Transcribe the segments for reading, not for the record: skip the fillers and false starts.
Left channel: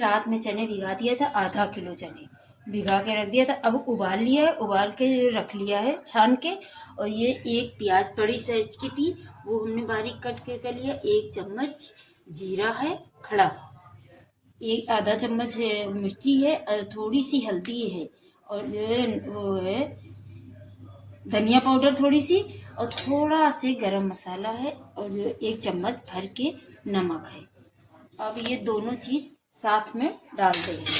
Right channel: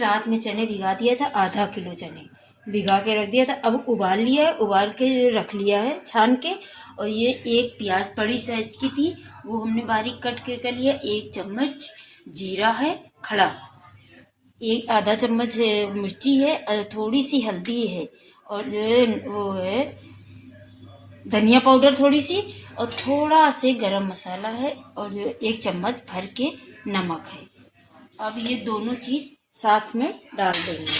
रात में चने भिगा दिया था, आधा किलो चने भिगा के रख दिया था। अब उबाल लिया है, उबाल के रख लिया है छान के। और ये एक प्याज बड़ी साइज की थी, वो हमने बारीक कट कर लिया। 1 चम्मच जीरा है खड़ा, एक आधा चम्मच मिर्ची है, थोड़ी सी हल्दी है, और जो है वो है धनिया पाउडर थोड़ी सी, और थोड़ा से गरम मसाला है, और जो 1 चम्मच भर के नमक है। अब ये दोनों चीज़ साथ में डाल देंगे।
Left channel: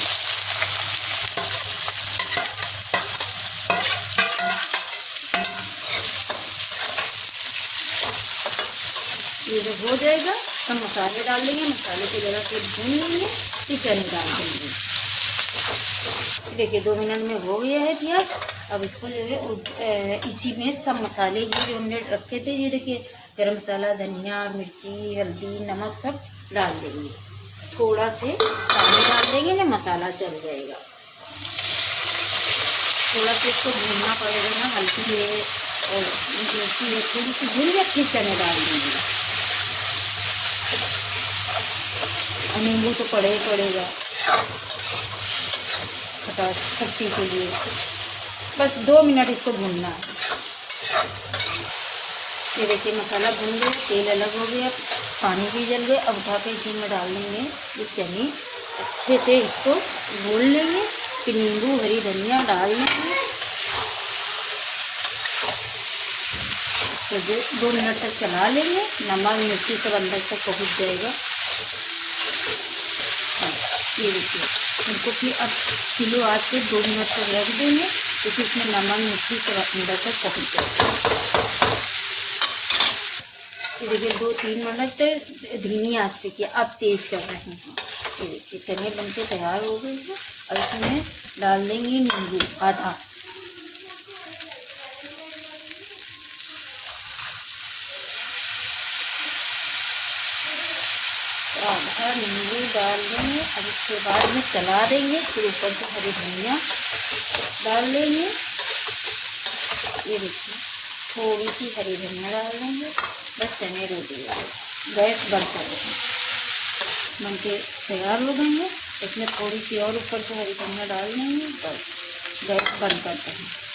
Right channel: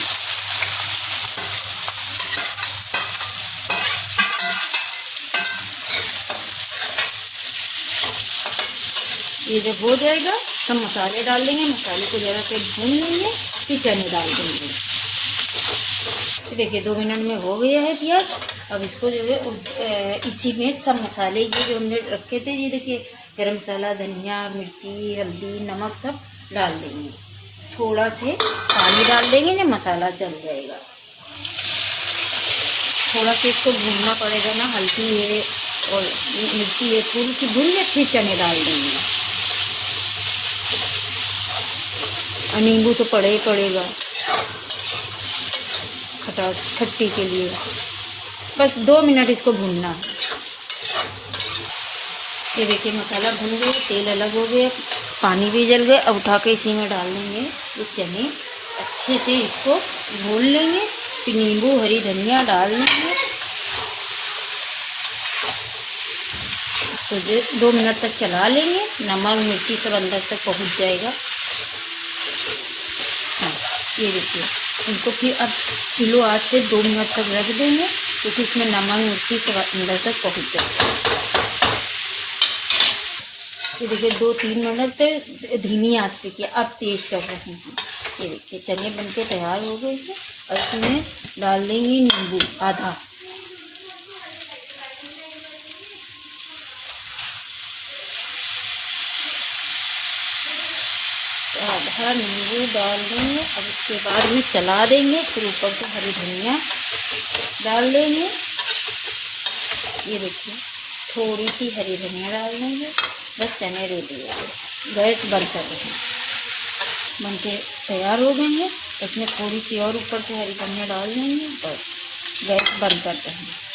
ये जब हो जाएगा तो मसाले डाल देंगे, मसाले को ज़रा से भून लेंगे, फिर चने डाल देंगे। देखिए 2 मिनट में हो गया है प्याज। अब इसको जो है इसी में सब मसाले ये जो हमने रखे थे, ये देखिए गरम मसाला, धनिया, मिर्ची, हल्दी, नमक सब डाल देंगे। थोड़ा से पानी डाल देंगे ना, मसाला जल जाएगा। थोड़ा सा इसको भूनना पड़ेगा ना, हल्दी है और मिर्ची है, थोड़ी सी भून के फिर चने डाल देंगे। नींबू तो पड़े ही पड़ेगा खट्टी के लिए। बस 2 मिनट इसको भूनना है। ये देखिए मसाला भून गया, तेल अलग हो गया, पानी भी जल गया। अब उठा के इसी में डाल देंगे ये चने, अच्छे से इसको भून लेंगे। फिर नींबू, हरी धनिया डाल देंगे। तो 2 मिनट तक चला लेंगे, नमक मिर्ची सब अंदर तक पहुंच जाएगा। ये देखिए इनको फिर अब स्लो आंच पे 2 मिनट तक रख देंगे, क्योंकि इसमें नमक मिर्ची सब अंदर तक पहुँच जाएगा। ये देखिए 2-3 मिनट तक धीमी आंच पे किया, अब तेज़ कर रहे हैं। ये देखिए चने बनके तैयार हो गए हैं। और इसमें डाल देंगे नींबू आधा, आधा नींबू डाल देंगे। अब उसके बाद में चला देंगे, फिर ऊपर से हरी धनिया डाल देंगे। ये देखिए थोड़ी सी हरी धनिया डाल देंगे। बस चने रेडी है। गैस बंद कर देंगे, बनके तैयार हो गए हैं। इसमें थोड़ी सी और ऊपर से हरी धनिया डाल देंगे, बस गैस बंद कर देंगे।